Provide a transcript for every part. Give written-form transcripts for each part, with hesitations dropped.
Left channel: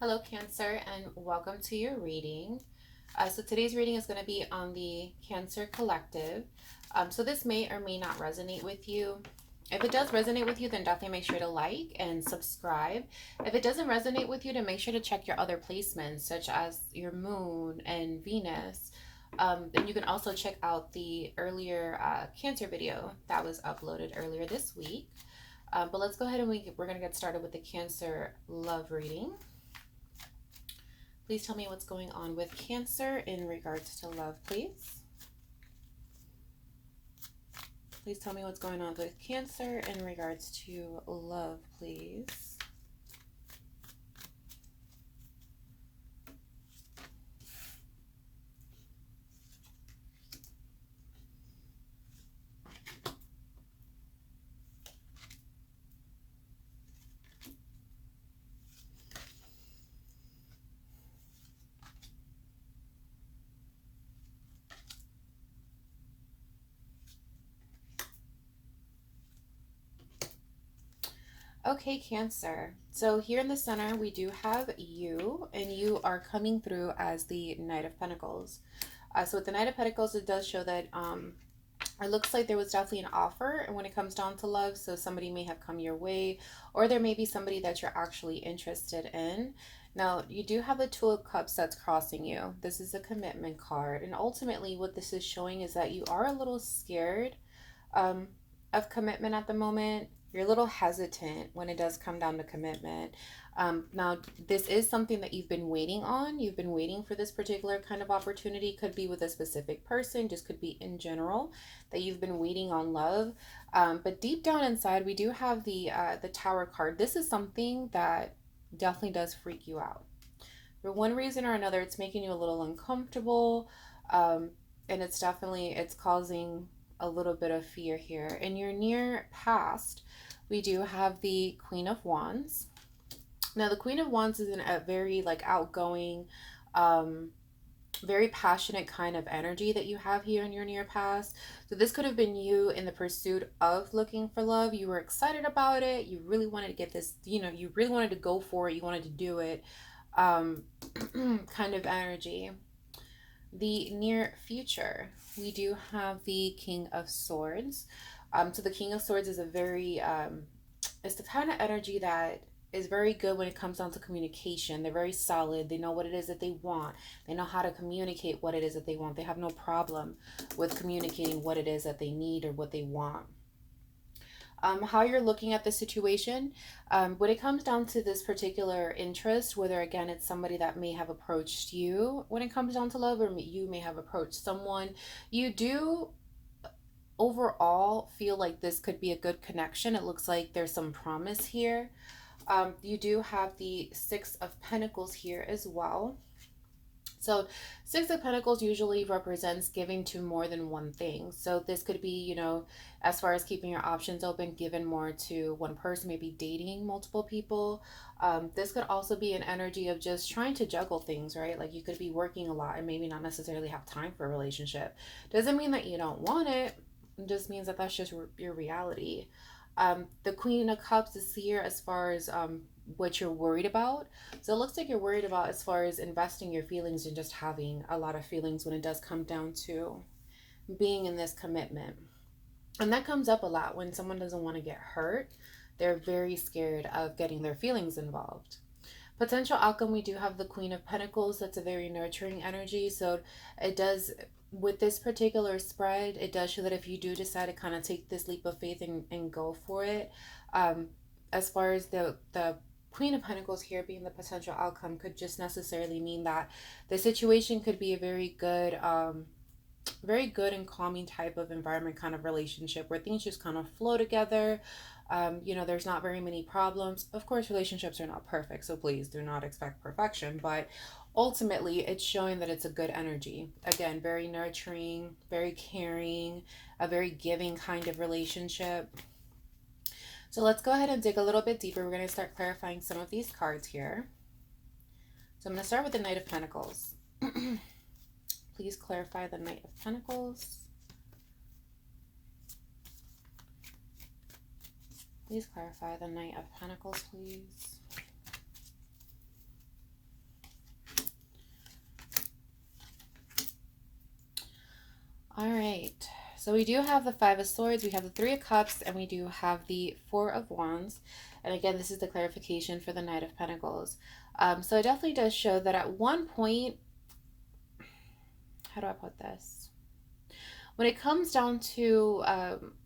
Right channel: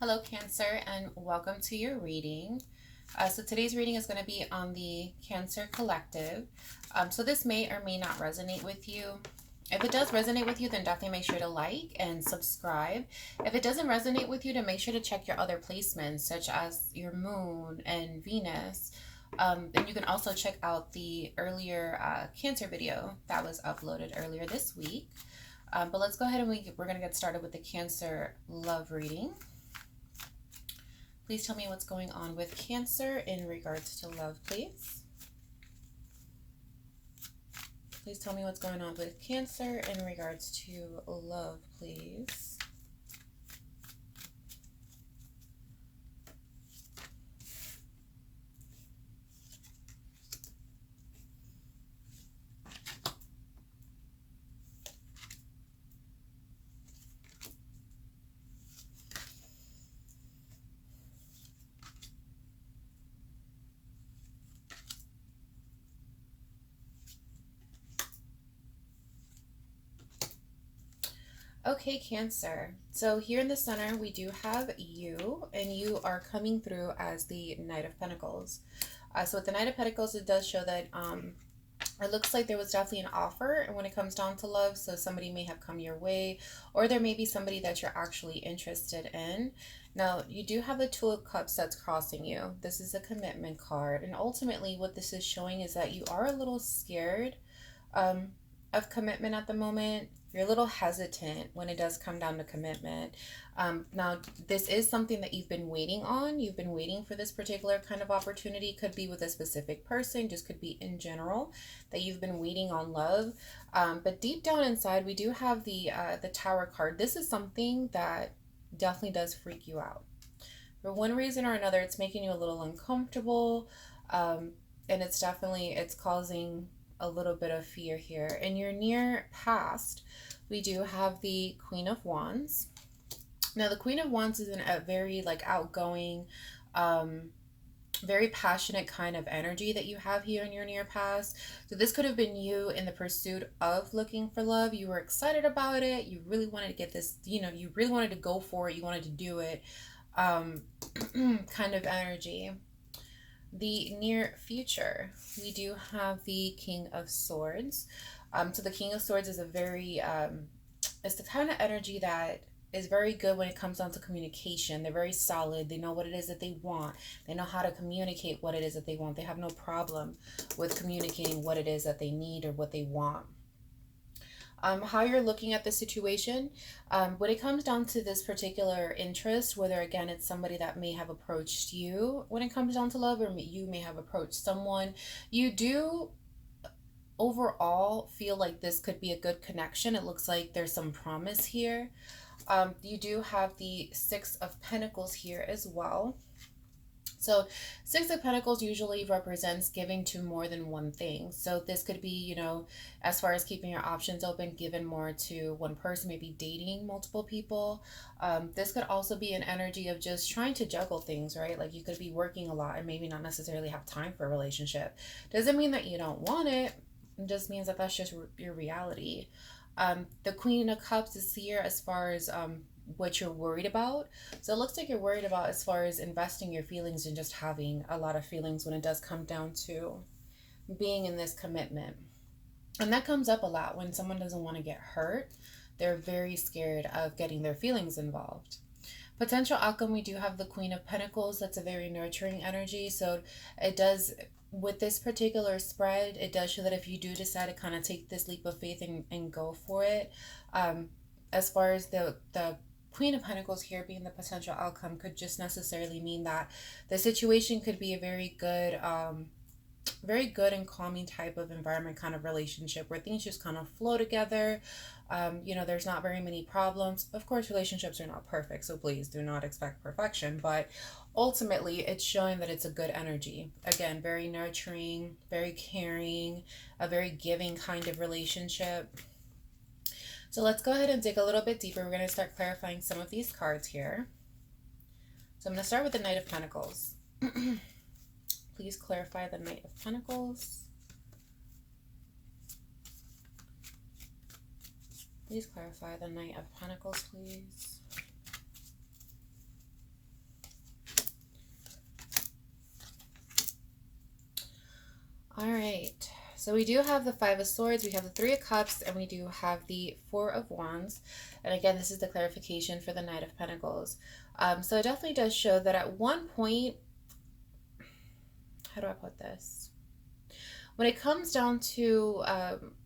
Hello, Cancer, and welcome to your reading. So today's reading is going to be on the Cancer Collective. So this may or may not resonate with you. If it does resonate with you, then definitely make sure to like and subscribe. If it doesn't resonate with you, then make sure to check your other placements, such as your moon and Venus. And you can also check out the earlier Cancer video that was uploaded earlier this week. But let's go ahead and we're going to get started with the Cancer love reading. Please tell me what's going on with Cancer in regards to love, please. Please tell me what's going on with Cancer in regards to love, please. Okay, Cancer. So here in the center, we do have you, and you are coming through as the Knight of Pentacles. So with the Knight of Pentacles, it does show that it looks like there was definitely an offer when it comes down to love. So somebody may have come your way, or there may be somebody that you're actually interested in. Now, you do have the Two of Cups that's crossing you. This is a commitment card. And ultimately, what this is showing is that you are a little scared um, of commitment at the moment. You're a little hesitant when it does come down to commitment. Now, this is something that you've been waiting on. You've been waiting for this particular kind of opportunity. Could be with a specific person, just could be in general that you've been waiting on love. But deep down inside, we do have the Tower card. This is something that definitely does freak you out. For one reason or another, it's making you a little uncomfortable. And it's causing a little bit of fear here. In your near past, we do have the Queen of Wands. Now, the Queen of Wands is a very outgoing, very passionate kind of energy that you have here in your near past. So this could have been you in the pursuit of looking for love. You were excited about it. You really wanted to get this, you really wanted to go for it. You wanted to do it. Kind of energy. The near future, we do have the King of Swords. So the King of Swords is a very, it's the kind of energy that is very good when it comes down to communication. They're very solid. They know what it is that they want. They know how to communicate what it is that they want. They have no problem with communicating what it is that they need or what they want. How you're looking at the situation. When it comes down to this particular interest, whether again it's somebody that may have approached you when it comes down to love, or you may have approached someone, you do overall feel like this could be a good connection. It looks like there's some promise here. You do have the Six of Pentacles here as well. So Six of Pentacles usually represents giving to more than one thing. So this could be, as far as keeping your options open, given more to one person, maybe dating multiple people. This could also be an energy of just trying to juggle things, right? Like you could be working a lot and maybe not necessarily have time for a relationship. Doesn't mean that you don't want it. It just means that that's just your reality. The Queen of Cups is here as far as what you're worried about. So it looks like you're worried about as far as investing your feelings and just having a lot of feelings when it does come down to being in this commitment. And that comes up a lot when someone doesn't want to get hurt. They're very scared of getting their feelings involved. Potential outcome, we do have the Queen of Pentacles. That's a very nurturing energy. So it does, with this particular spread, it does show that if you do decide to kind of take this leap of faith and go for it, as far as the Queen of Pentacles here being the potential outcome could just necessarily mean that the situation could be a very good and calming type of environment, kind of relationship where things just kind of flow together. There's not very many problems. Of course, relationships are not perfect, so please do not expect perfection, but ultimately it's showing that it's a good energy. Again, very nurturing, very caring, a very giving kind of relationship. So let's go ahead and dig a little bit deeper. We're going to start clarifying some of these cards here. So I'm going to start with the Knight of Pentacles. Please clarify the Knight of Pentacles. Please clarify the Knight of Pentacles, please. All right. So we do have the Five of Swords, we have the Three of Cups, and we do have the Four of Wands. And again, this is the clarification for the Knight of Pentacles. So it definitely does show that at one point, how do I put this? When it comes down to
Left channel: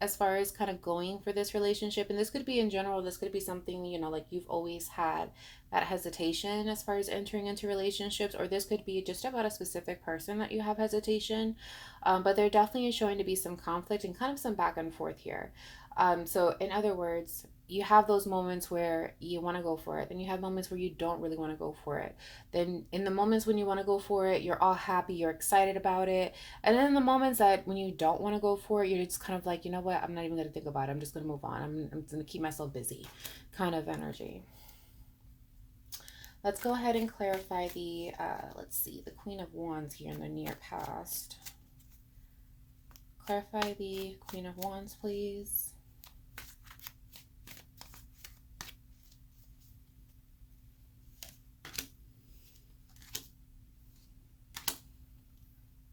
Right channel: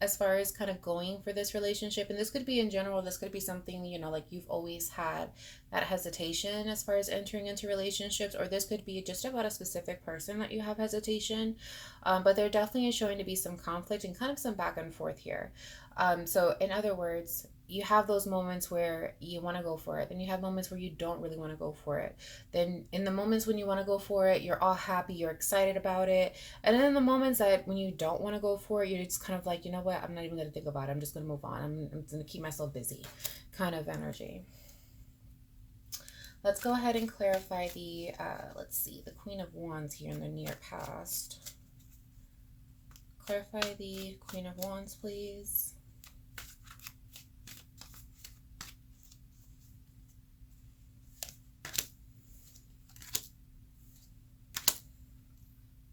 as far as kind of going for this relationship, and this could be in general, this could be something, you know, like you've always had that hesitation as far as entering into relationships, or this could be just about a specific person that you have hesitation. But there definitely is showing to be some conflict and kind of some back and forth here. So in other words, you have those moments where you want to go for it, then you have moments where you don't really want to go for it. Then in the moments when you want to go for it, you're all happy, you're excited about it. And then in the moments that when you don't want to go for it, you're just kind of like, you know what, I'm not even going to think about it. I'm just going to move on. I'm going to keep myself busy kind of energy. Let's go ahead and clarify the, let's see, the Queen of Wands here in the near past. Clarify the Queen of Wands, please.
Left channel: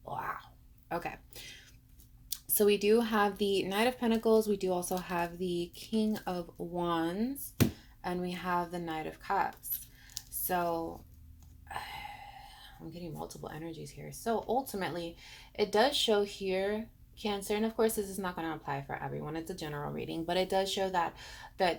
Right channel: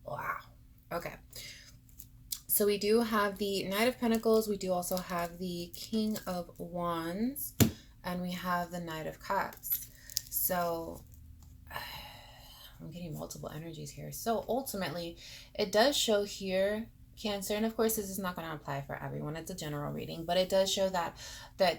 Wow. Okay. So we do have the Knight of Pentacles. We do also have the King of Wands. And we have the Knight of Cups. So I'm getting multiple energies here. So ultimately, it does show here, Cancer, and of course this is not going to apply for everyone. It's a general reading, but it does show that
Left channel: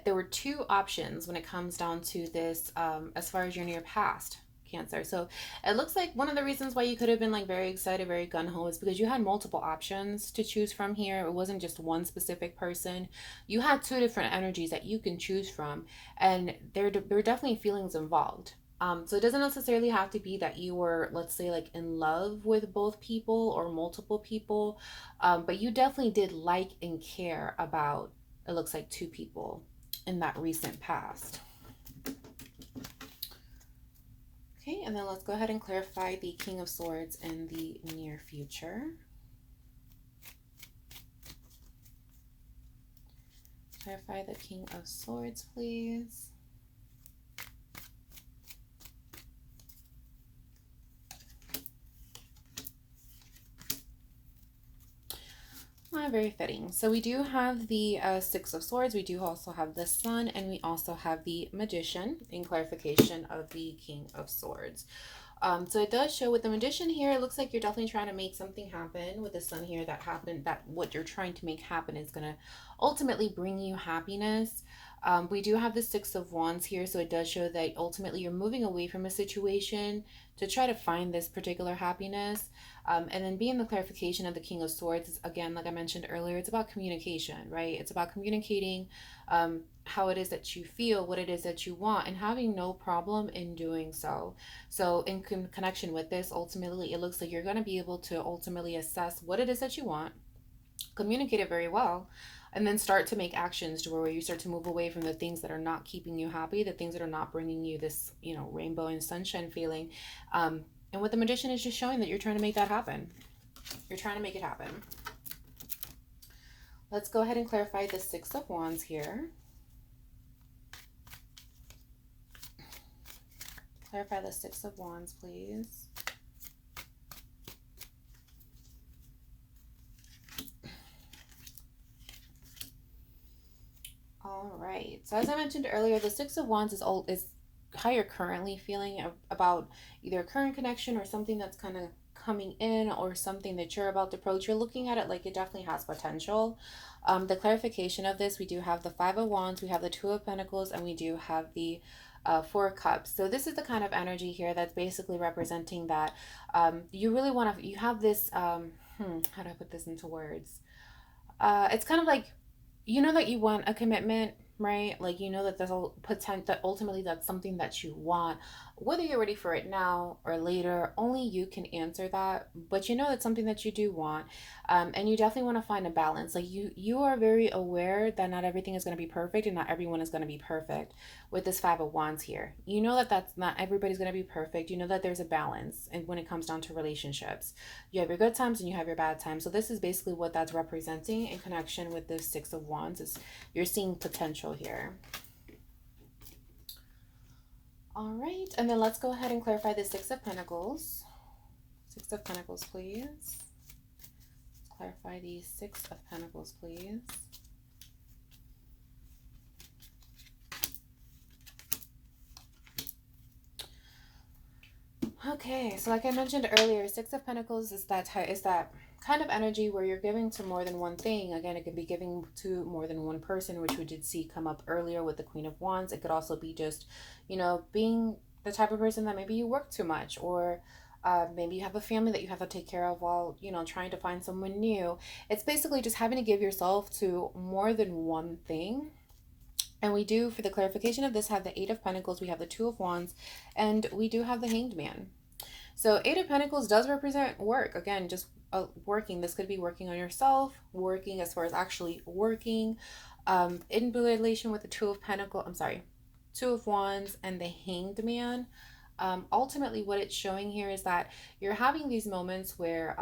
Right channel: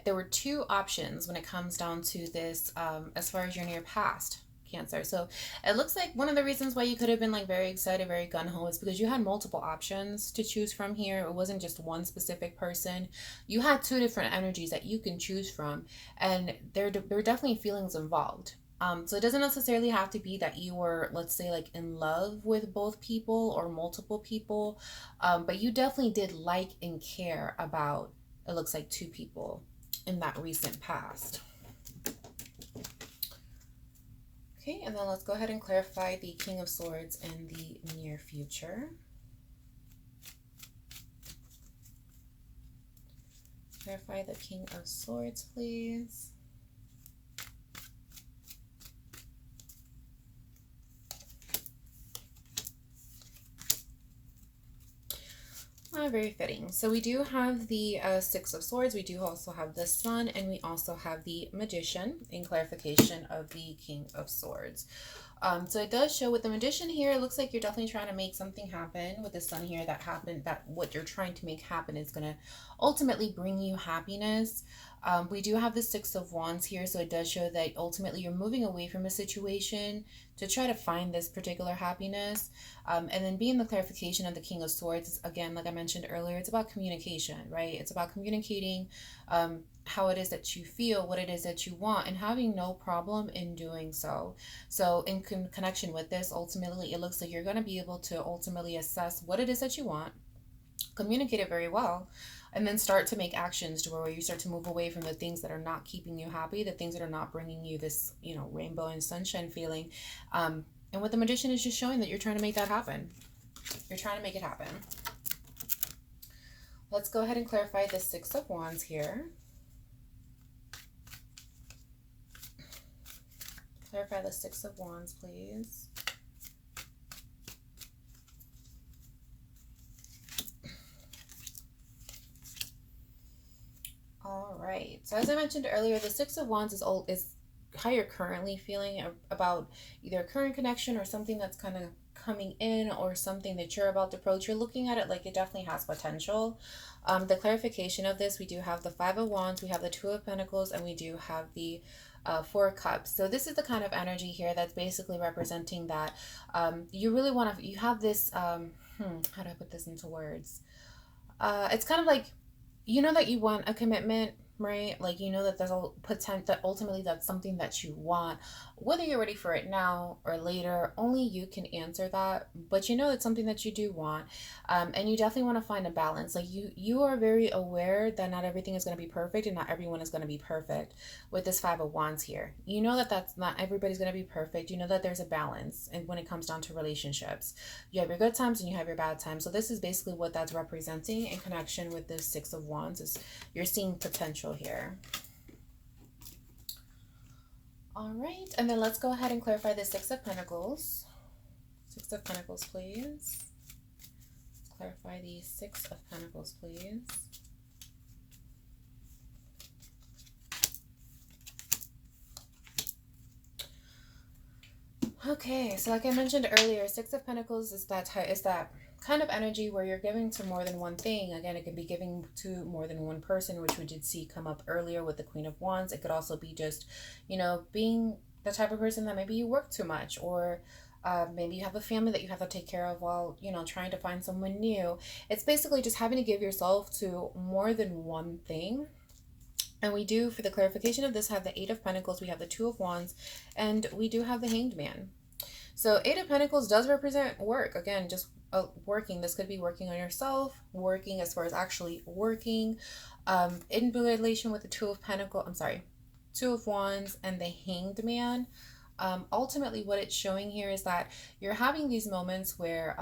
there were two options when it comes down to this as far as your near past. Cancer. So it looks like one of the reasons why you could have been like very excited, very gun-ho is because you had multiple options to choose from here. It wasn't just one specific person. You had two different energies that you can choose from, and there were definitely feelings involved. So it doesn't necessarily have to be that you were, let's say, like in love with both people or multiple people, but you definitely did like and care about, it looks like, two people in that recent past. Okay, and then let's go ahead and clarify the King of Swords in the near future. Clarify the King of Swords, please. Very fitting. So we do have the Six of Swords. We do also have the Sun, and we also have the Magician in clarification of the King of Swords. So it does show with the Magician here, it looks like you're definitely trying to make something happen. With the Sun here, that what you're trying to make happen is going to ultimately bring you happiness. We do have the Six of Wands here, so it does show that ultimately you're moving away from a situation to try to find this particular happiness. And then being the clarification of the King of Swords, again, like I mentioned earlier, it's about communication, right? It's about communicating how it is that you feel, what it is that you want, and having no problem in doing so. So in connection with this, ultimately, it looks like you're going to be able to ultimately assess what it is that you want, communicate it very well, and then start to make actions to where you start to move away from the things that are not keeping you happy, the things that are not bringing you this, rainbow and sunshine feeling. And what the Magician is just showing that you're trying to make that happen. You're trying to make it happen. Let's go ahead and clarify the Six of Wands here. Clarify the Six of Wands, please. All right. So as I mentioned earlier, the Six of Wands is how you're currently feeling about either a current connection or something that's kind of coming in, or something that you're about to approach. You're looking at it like it definitely has potential. The clarification of this, we do have the Five of Wands, we have the Two of Pentacles, and we do have the Four of Cups. So this is the kind of energy here that's basically representing that you really want to, you have this, how do I put this into words? It's kind of like, that you want a commitment, right? Like, that there's a potential that ultimately that's something that you want. Whether you're ready for it now or later, only you can answer that. But it's something that you do want. And you definitely want to find a balance. Like you are very aware that not everything is going to be perfect and not everyone is going to be perfect with this Five of Wands here. That's not everybody's going to be perfect. That there's a balance. And when it comes down to relationships, you have your good times and you have your bad times. So this is basically what that's representing in connection with this Six of Wands, is you're seeing potential here. All right, and then let's go ahead and clarify the Six of Pentacles. Six of Pentacles, please. Let's clarify the Six of Pentacles, please. Okay, so like I mentioned earlier, Six of Pentacles is that kind of energy where you're giving to more than one thing. Again, it could be giving to more than one person, which we did see come up earlier with the Queen of Wands. It could also be just, you know, being the type of person that maybe you work too much, or maybe you have a family that you have to take care of while, you know, trying to find someone new. It's basically just having to give yourself to more than one thing. And we do, for the clarification of this, have the Eight of Pentacles, we have the Two of Wands, and we do have the Hanged Man. So Eight of Pentacles does represent work. Again, just working. This could be working on yourself, working as far as actually working, in relation with the Two of Pentacles, I'm sorry, Two of Wands and the Hanged Man. Ultimately, what it's showing here is that you're having these moments where,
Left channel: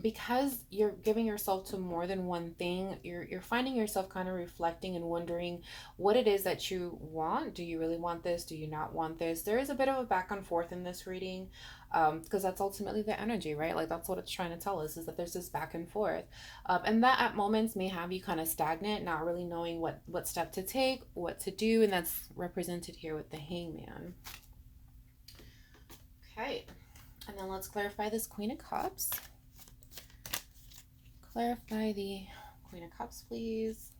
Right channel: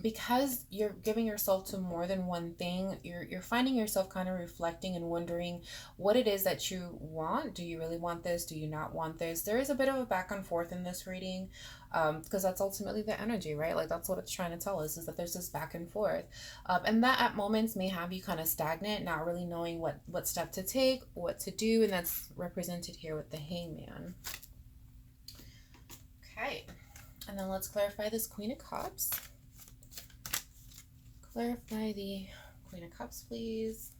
because you're giving yourself to more than one thing, you're finding yourself kind of reflecting and wondering what it is that you want. Do you really want this? Do you not want this? There is a bit of a back and forth in this reading, because that's ultimately the energy, right? Like that's what it's trying to tell us, is that there's this back and forth, and that at moments may have you kind of stagnant, not really knowing what step to take, what to do, and that's represented here with the Hangman. Okay, and then let's clarify this Queen of Cups. Clarify the Queen of Cups, please.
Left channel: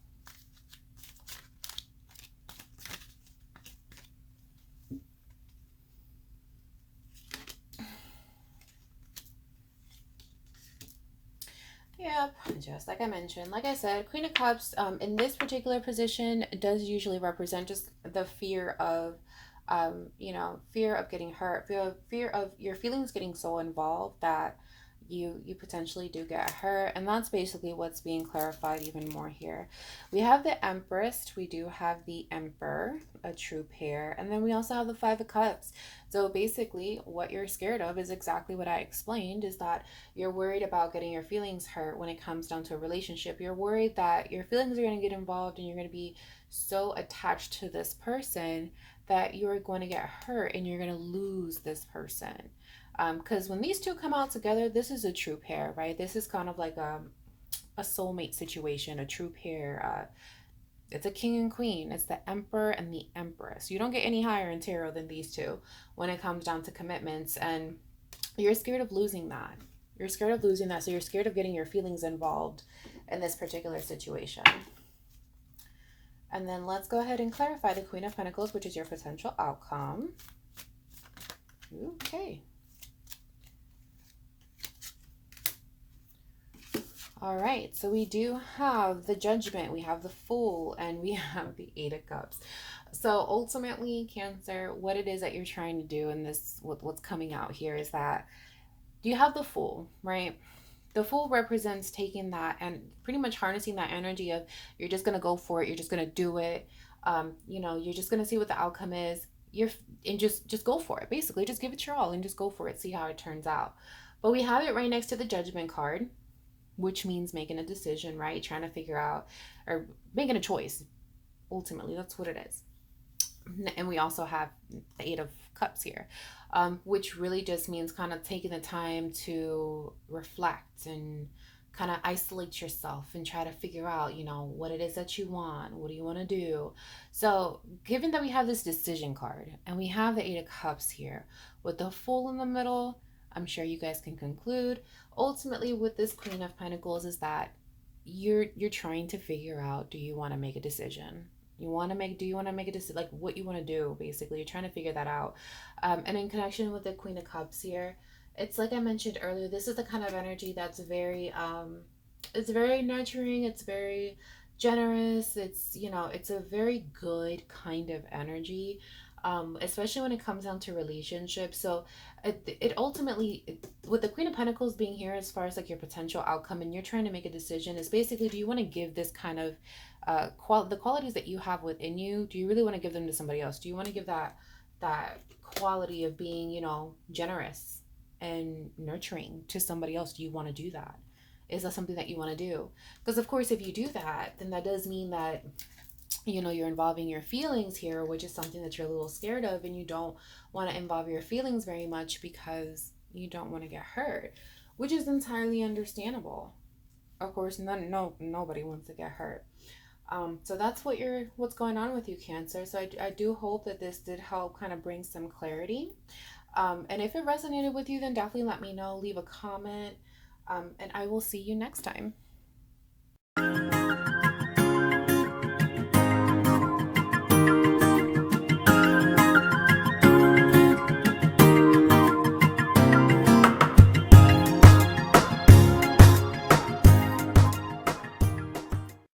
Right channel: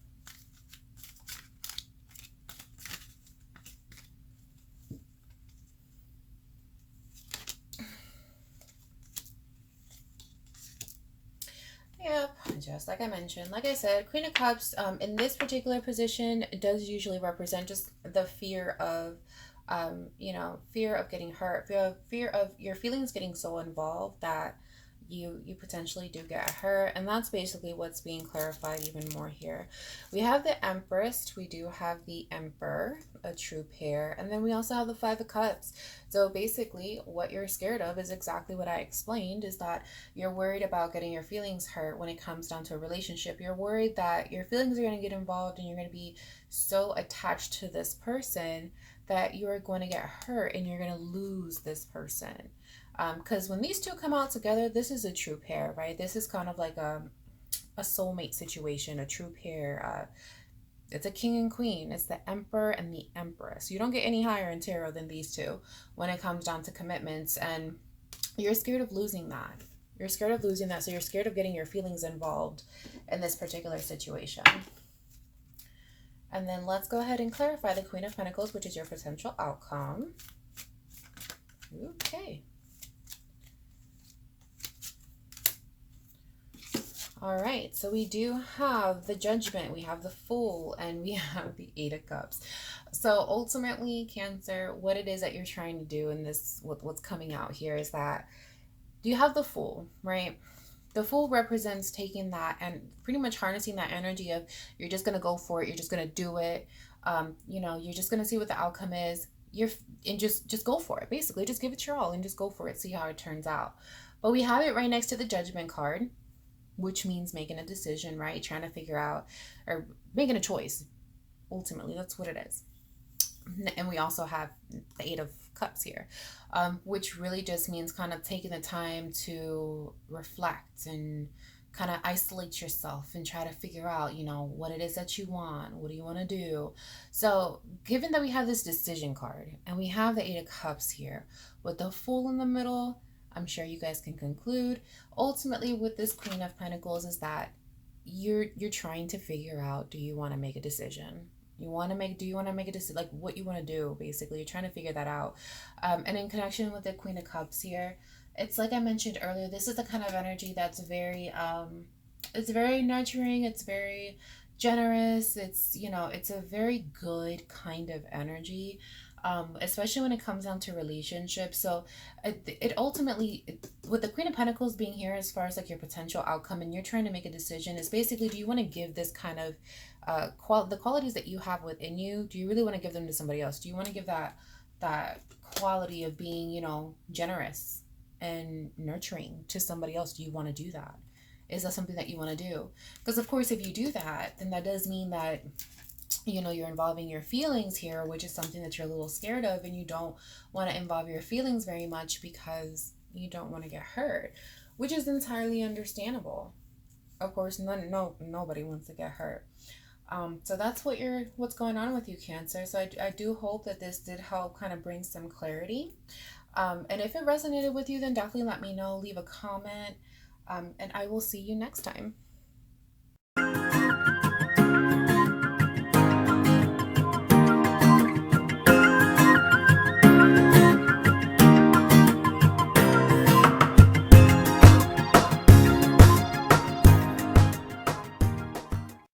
Yep, just like I mentioned, like I said, Queen of Cups, in this particular position does usually represent just the fear of, you know, fear of getting hurt, fear of your feelings getting so involved that you potentially do get hurt. And that's basically what's being clarified even more here. We have the Empress, we do have the Emperor, a true pair, and then we also have the Five of Cups. So basically what you're scared of is exactly what I explained, is that you're worried about getting your feelings hurt when it comes down to a relationship. You're worried that your feelings are going to get involved and you're going to be so attached to this person that you're going to get hurt and you're going to lose this person. Because when these two come out together, this is a true pair, right? This is kind of like a soulmate situation, a true pair. It's a king and queen. It's the Emperor and the Empress. You don't get any higher in tarot than these two when it comes down to commitments. And you're scared of losing that. You're scared of losing that. So you're scared of getting your feelings involved in this particular situation. And then let's go ahead and clarify the Queen of Pentacles, which is your potential outcome. Okay. All right, so we do have the Judgment, we have the Fool, and we have the Eight of Cups. So ultimately, Cancer, what it is that you're trying to do in this, what's coming out here is that you have the Fool, right? The Fool represents taking that and pretty much harnessing that energy of you're just going to go for it, you're just going to do it. You know, you're just going to see what the outcome is. And just go for it. Basically, just give it your all and just go for it, see how it turns out. But we have it right next to the Judgment card, which means making a decision, right? Trying to figure out, or making a choice. Ultimately, that's what it is. And we also have the Eight of Cups here, which really just means kind of taking the time to reflect and kind of isolate yourself and try to figure out, you know, what it is that you want. What do you want to do? So given that we have this decision card and we have the Eight of Cups here with the Fool in the middle, I'm sure you guys can conclude ultimately with this Queen of Pentacles is that you're trying to figure out, do you want to make a decision? Do you want to make a decision, like what you want to do? Basically, you're trying to figure that out. And in connection with the Queen of Cups here, it's like I mentioned earlier, this is the kind of energy that's very it's very nurturing, it's very generous, it's, you know, it's a very good kind of energy, especially when it comes down to relationships. So it ultimately, with the Queen of Pentacles being here as far as like your potential outcome and you're trying to make a decision, is basically, do you want to give this kind of the qualities that you have within you, do you really want to give them to somebody else? Do you want to give that quality of being, you know, generous and nurturing to somebody else? Do you want to do that? Is that something that you want to do? Because of course, if you do that, then that does mean that, you know, you're involving your feelings here, which is something that you're a little scared of, and you don't want to involve your feelings very much because you don't want to get hurt, which is entirely understandable. Of course, nobody wants to get hurt. So that's what's going on with you, Cancer. So I do hope that this did help kind of bring some clarity. And if it resonated with you, then definitely let me know. Leave a comment, and I will see you next time.